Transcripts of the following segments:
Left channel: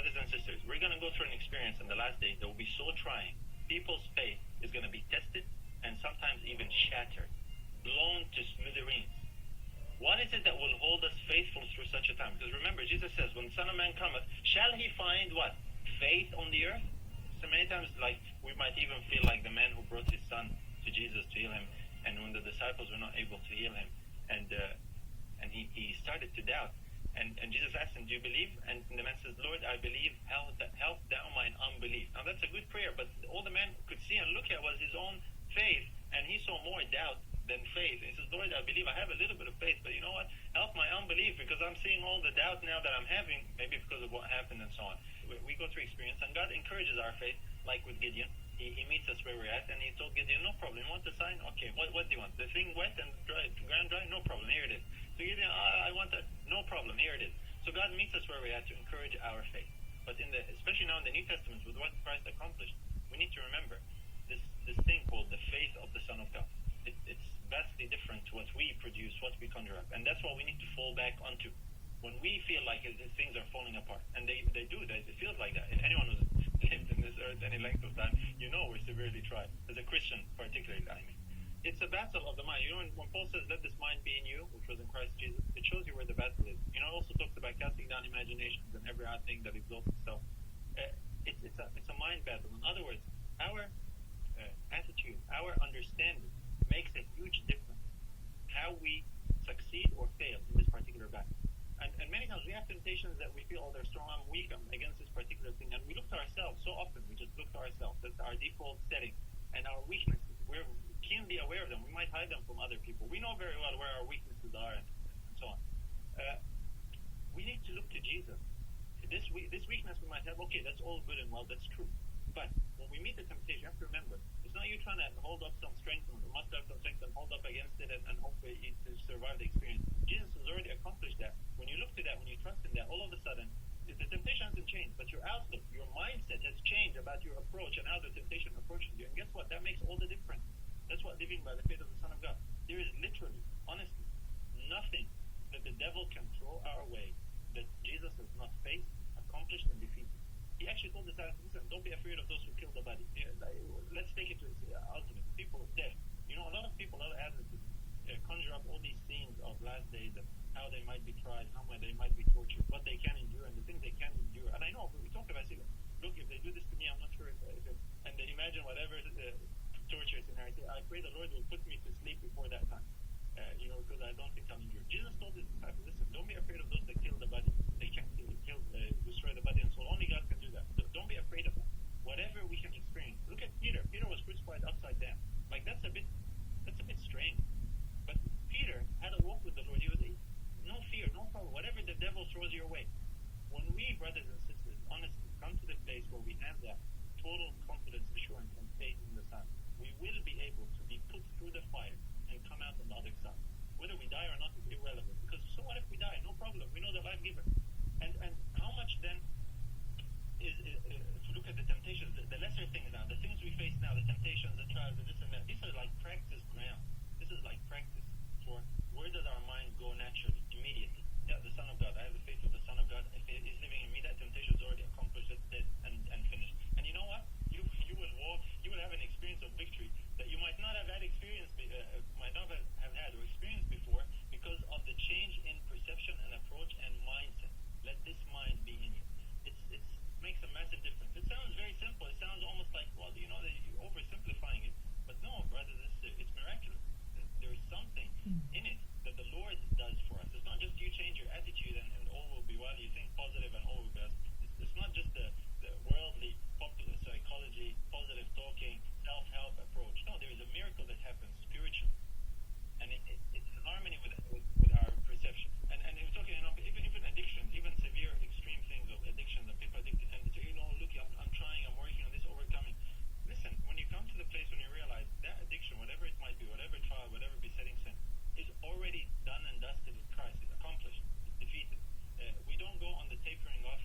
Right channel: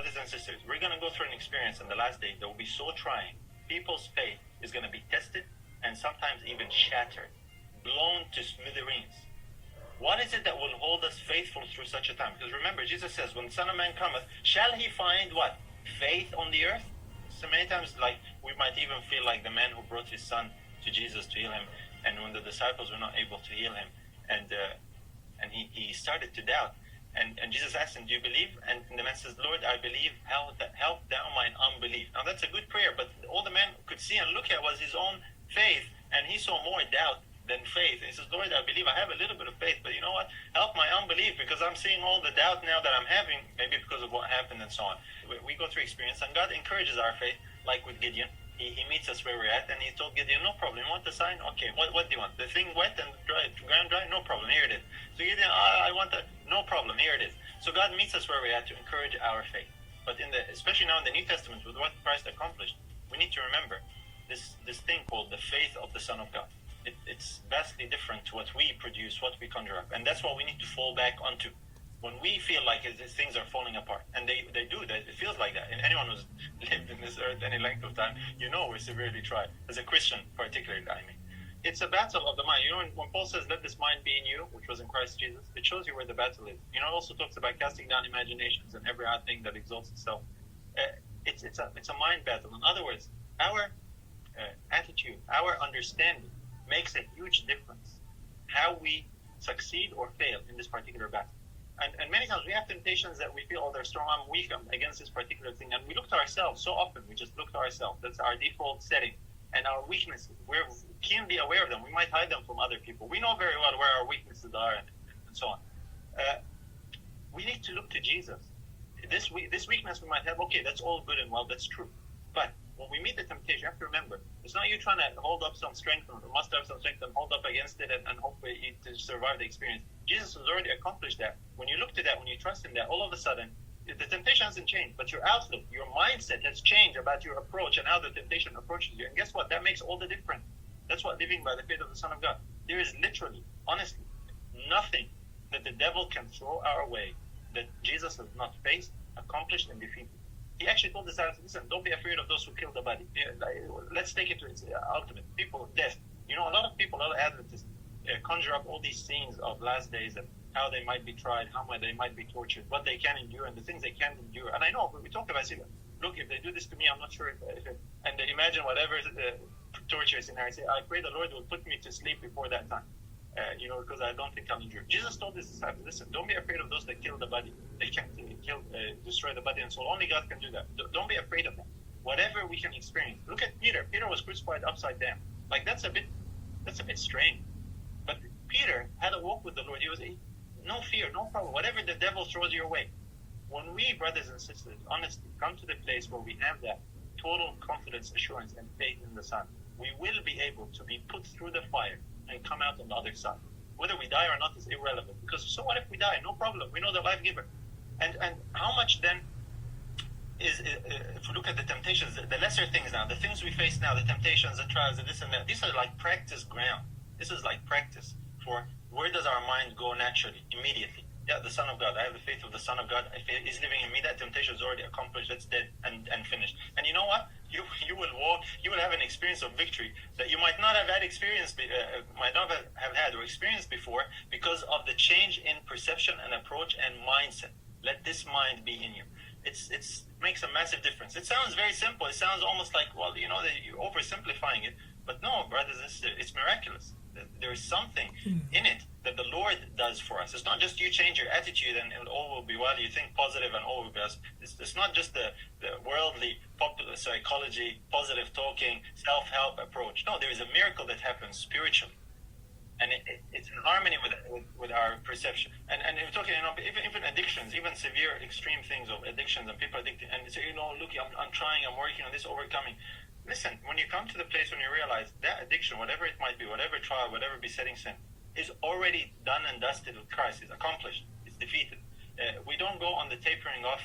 brothers and sisters, we're going to go through an experience in the last days that will be so trying. People's faith is going to be tested and sometimes even shattered, blown to smithereens. What is it that will hold us faithful through such a time? Because remember, Jesus says, when the Son of Man cometh, shall he find what? Faith on the earth? So many times, like, we might even feel like the man who brought his son to Jesus to heal him, and when the disciples were not able to heal him, and he started to doubt. And Jesus asked him, do you believe? And the man says, Lord, I believe, help thou mine unbelief. Now that's a good prayer, but all the man could see and look at was his own faith, and he saw more doubt than faith. And he says, Lord, I believe, I have a little bit of faith, but you know what? Help my unbelief, because I'm seeing all the doubt now that I'm having, maybe because of what happened and so on. We go through experience, and God encourages our faith, like with Gideon. He meets us where we're at, and he told Gideon, no problem, you want the sign? Okay, what do you want? The thing wet and dry, ground dry? No problem, here it is. So Gideon, I want that. No problem, here it is. So God meets us where we're at to encourage our faith. But especially now in the New Testament, with what Christ accomplished, we need to remember this thing called the faith of the Son of God. It's vastly different to what we produce, what we conjure up. And that's what we need to fall back onto. When we feel like things are falling apart, and they do, it feels like that. And anyone who's lived in this earth any length of time, we're severely tried. As a Christian, particularly, I mean. It's a battle of the mind. When Paul says, let this mind be in you, which was in Christ Jesus, it shows you where the battle is. It also talks about casting down imaginations and every high thing that exalts itself. It's a mind battle. In other words, our attitude, our understanding makes a huge difference how we succeed or fail in this particular battle. And many times we have temptations that we feel, they're strong, I'm weak, I'm against this particular thing. And we look to ourselves so often. We just look to ourselves. That's our default setting. And our weaknesses, we're keenly aware of them. We might hide them from other people. We know very well where our weaknesses are and so on. We need to look to Jesus. This weakness we might have, okay, that's all good and well, that's true. But when we meet the temptation, you have to remember, it's not you trying to hold up some strength or muster up some strength and hold up against it and hopefully to survive the experience. Jesus has already accomplished that. When you look to that, when you trust in that, all of a sudden, the temptation hasn't changed, but your outlook, your mindset has changed about your approach and how the temptation approaches you. And guess what? That makes all the difference. That's what living by the faith of the Son of God. There is literally, honestly, nothing that the devil can throw our way that Jesus has not faced, accomplished, and defeated. He actually told us, listen, don't be afraid of those who kill the body. Let's take it to its ultimate. People, death. A lot of people, a lot of Adventists conjure up all these scenes of last days and how they might be tried, how they might be tortured, what they can endure, and the things they can't endure. And I know, we talk about it. Look, if they do this to me, I'm not sure if and they imagine whatever torture scenario. Say, I pray the Lord will put me to sleep before that time. Because I don't think I'll endure. Jesus told his disciples, listen, don't be afraid of those that kill the body. They can't destroy the body and soul. Only God can do that. Don't be afraid of that. Whatever we can experience. Look at Peter. Peter was crucified upside down. Like that's a bit strange. But Peter had a walk with the Lord. He was no fear, no problem. Whatever the devil throws your way. When we, brothers and sisters, honestly come to the place where we have that total confidence, assurance, and faith in the Son, we will be able to be put through the fire and come out on the other side. Whether we die or not is irrelevant, because so what if we die? No problem. We know the life giver. And how much then is if we look at the temptations, the lesser things now, the things we face now, the temptations, the trials, the this and that, these are like practice ground. This is like practice for where does our mind go naturally, immediately. Yeah, the Son of God. I have the faith of the Son of God. If He's living in me, that temptation is already accomplished. That's dead and finished. And you know what? You will walk. You will have an experience of victory that you might not have had might not have had or experienced before, because of the change in perception and approach and mindset. Let this mind be in you. It makes a massive difference. It sounds very simple. It sounds almost like, that you're oversimplifying it. But no, brothers and sisters, it's miraculous. There is something in it that the Lord does for us. It's not just you change your attitude and all will be well. You think positive and all will be well. It's not just the worldly, popular psychology, positive talking, self-help approach. No, there is a miracle that happens spiritually. And it's in harmony with our perception. And we're talking, even addictions, even severe, extreme things of addictions and people addicted. And say, look, I'm trying, I'm working on this, overcoming. Listen, when you come to the place when you realize that addiction, whatever it might be, whatever trial, whatever besetting sin, is already done and dusted with Christ, is accomplished, it's defeated. We don't go on the tapering off,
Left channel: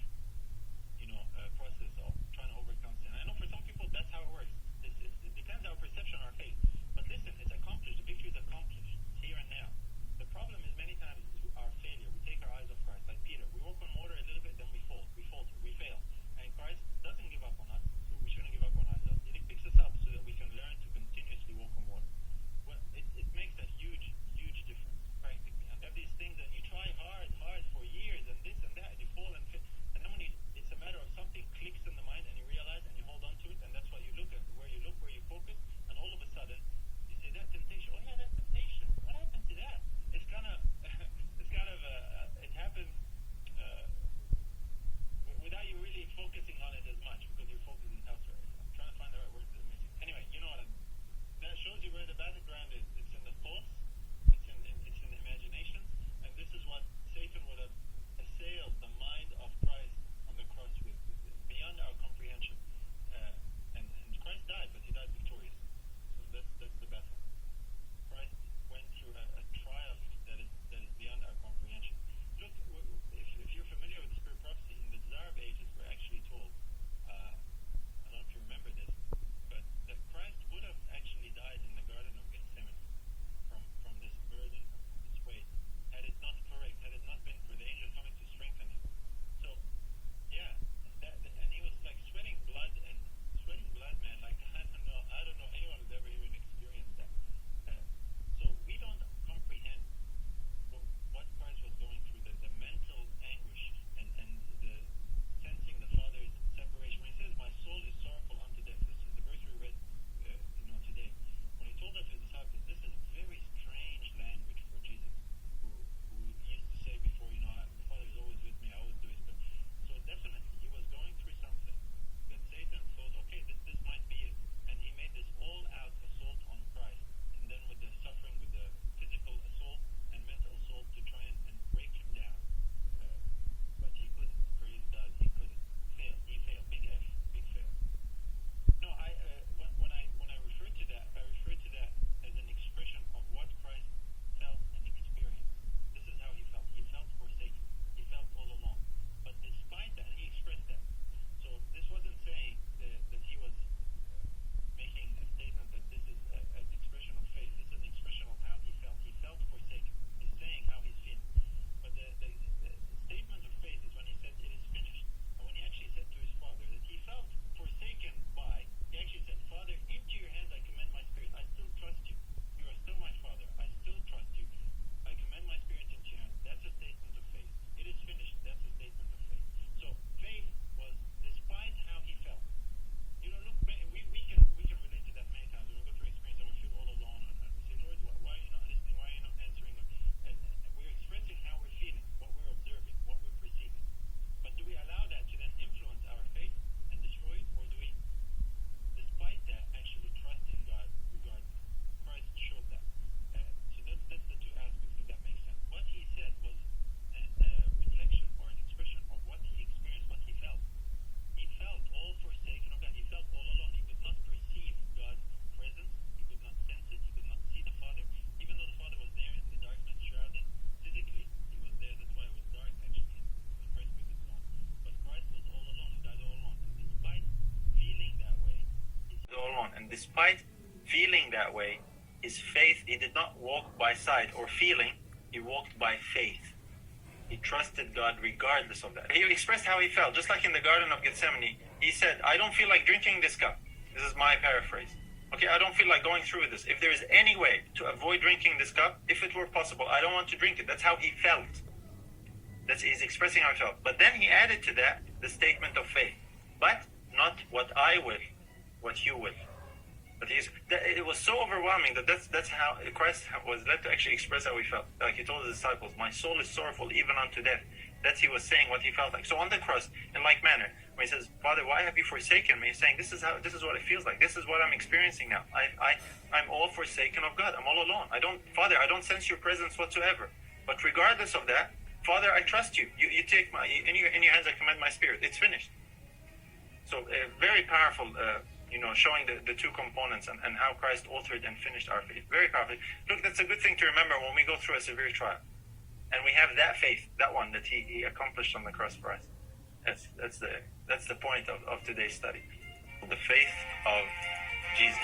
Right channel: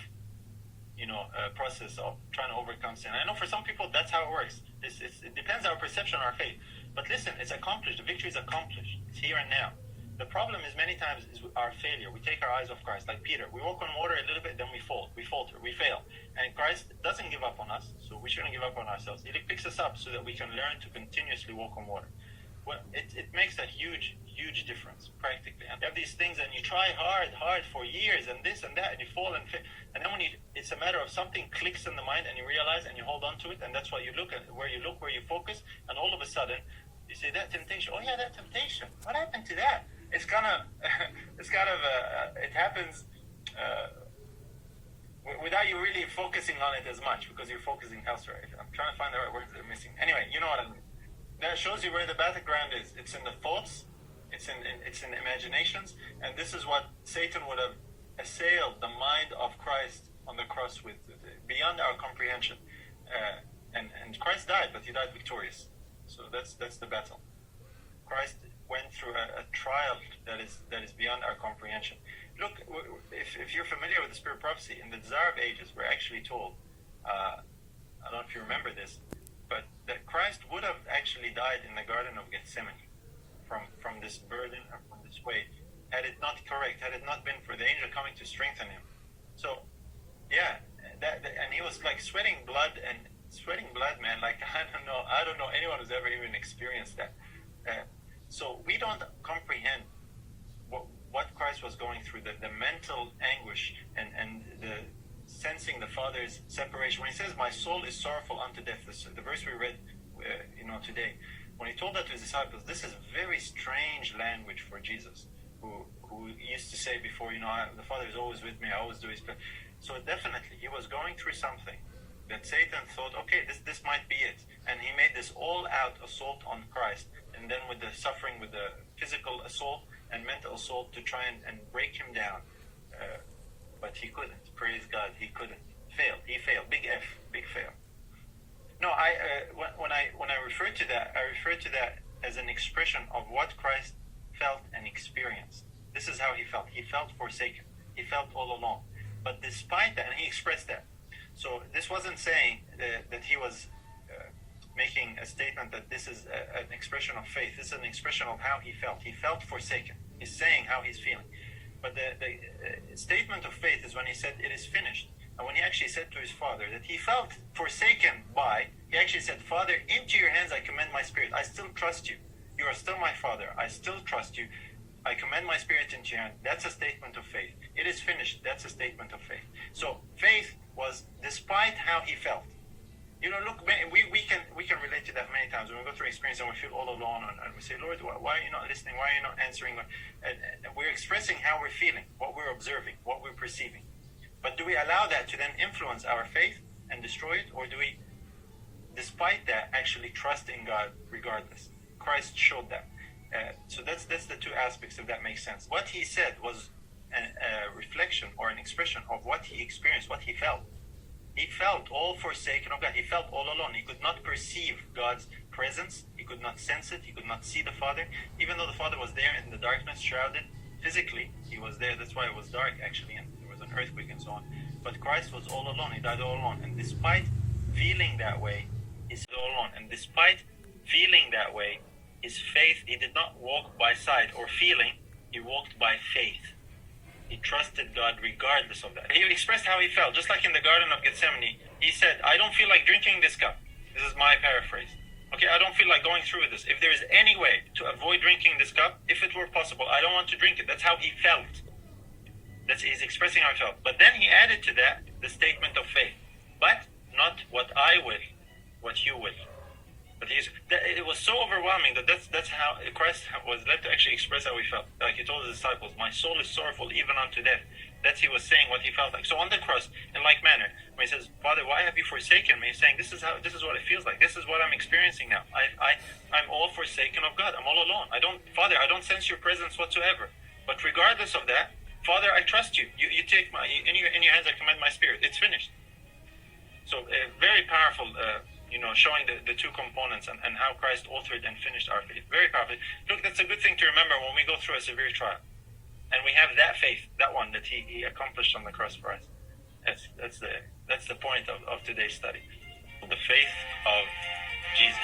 process of trying to overcome sin. I know for some people that's how it works. It depends on our perception, our faith. But listen, it's accomplished. The victory is accomplished. It's here and now. The problem is many times is our failure. We take our eyes off Christ, like Peter. We walk on water a little bit, then we fall, we falter, we fail. And Christ doesn't give up on us, so we shouldn't give up on ourselves. He picks us up so that we can learn to continuously walk on water. Well, it makes a huge difference, practically. And you have these things, and you try hard for years, and this and that, and you fall and fail. And then it's a matter of something clicks in the mind, and you realize, and you hold on to it, and that's why you look at where you focus, and all of a sudden, you say, that temptation, oh yeah, that temptation, what happened to that? It happens without you really focusing on it as much, because you're focusing elsewhere. I'm trying to find the right words that are missing. Anyway, you know what I mean. That shows you where the battleground is. It's in the thoughts, it's in the imaginations, and this is what Satan would have assailed the mind of Christ on the cross with, beyond our comprehension. And Christ died, but he died victorious. So that's the battle. Christ went through a trial that is beyond our comprehension. Look, if you're familiar with the spirit prophecy, in the Desire of Ages, we're actually told, I don't know if you remember this, but that Christ would have actually died in the Garden of Gethsemane from this burden or from this weight, had it not been for the angel coming to strengthen him. So, yeah, and he was like sweating blood, man. Like I don't know anyone who's ever even experienced that. So we don't comprehend what Christ was going through, the mental anguish and the sensing the Father's separation. When he says, "My soul is sorrowful unto death," the verse we read, today. When he told that to his disciples, this is very strange language for Jesus, who used to say before, the Father is always with me, I always do his plan. So definitely, he was going through something that Satan thought, okay, this might be it. And he made this all-out assault on Christ, and then with the suffering, with the physical assault and mental assault to try and break him down. But he couldn't. Praise God, he couldn't. He failed. Big F, big fail. No, when I refer to that, I refer to that as an expression of what Christ felt and experienced. This is how he felt. He felt forsaken. He felt all alone. But despite that, and he expressed that. So this wasn't saying that he was making a statement that this is an expression of faith. This is an expression of how he felt. He felt forsaken. He's saying how he's feeling. But the statement of faith is when he said, "It is finished." And when he actually said to his Father that he felt forsaken by, he actually said, "Father, into your hands I commend my spirit. I still trust you. You are still my Father. I still trust you. I commend my spirit into your hands." That's a statement of faith. It is finished. That's a statement of faith. So faith was despite how he felt. Look, we can relate to that many times when we go through experience and we feel all alone, and we say, "Lord, why are you not listening? Why are you not answering?" And we're expressing how we're feeling, what we're observing, what we're perceiving. But do we allow that to then influence our faith and destroy it, or do we, despite that, actually trust in God regardless? Christ showed that. So that's the two aspects, if that makes sense. What he said was a reflection or an expression of what he experienced, what he felt. He felt all forsaken of God. He felt all alone. He could not perceive God's presence. He could not sense it. He could not see the Father. Even though the Father was there in the darkness, shrouded, physically, he was there. That's why it was dark, actually, and there was an earthquake and so on. But Christ was all alone. He died all alone. And despite feeling that way, he's all alone. And despite feeling that way, his faith, he did not walk by sight or feeling. He walked by faith. He trusted God regardless of that. He expressed how he felt. Just like in the Garden of Gethsemane, he said, "I don't feel like drinking this cup." This is my paraphrase. Okay, I don't feel like going through with this. If there is any way to avoid drinking this cup, if it were possible, I don't want to drink it. That's how he felt. He's expressing how he felt. But then he added to that the statement of faith. But not what I will, what you will. But it was so overwhelming that's how Christ was led to actually express how he felt. Like he told his disciples, "My soul is sorrowful even unto death." He was saying what he felt like. So on the cross, in like manner, when he says, "Father, why have you forsaken me?" He's saying, this is what it feels like. This is what I'm experiencing now. I'm all forsaken of God. I'm all alone. Father, I don't sense your presence whatsoever. But regardless of that, Father, I trust you. You take in your hands I commend my spirit. It's finished. So very powerful, showing the two components and how Christ authored and finished our faith. Very powerful. Look, that's a good thing to remember when we go through a severe trial. And we have that faith, that one that he accomplished on the cross for us. That's the point of today's study. The faith of Jesus.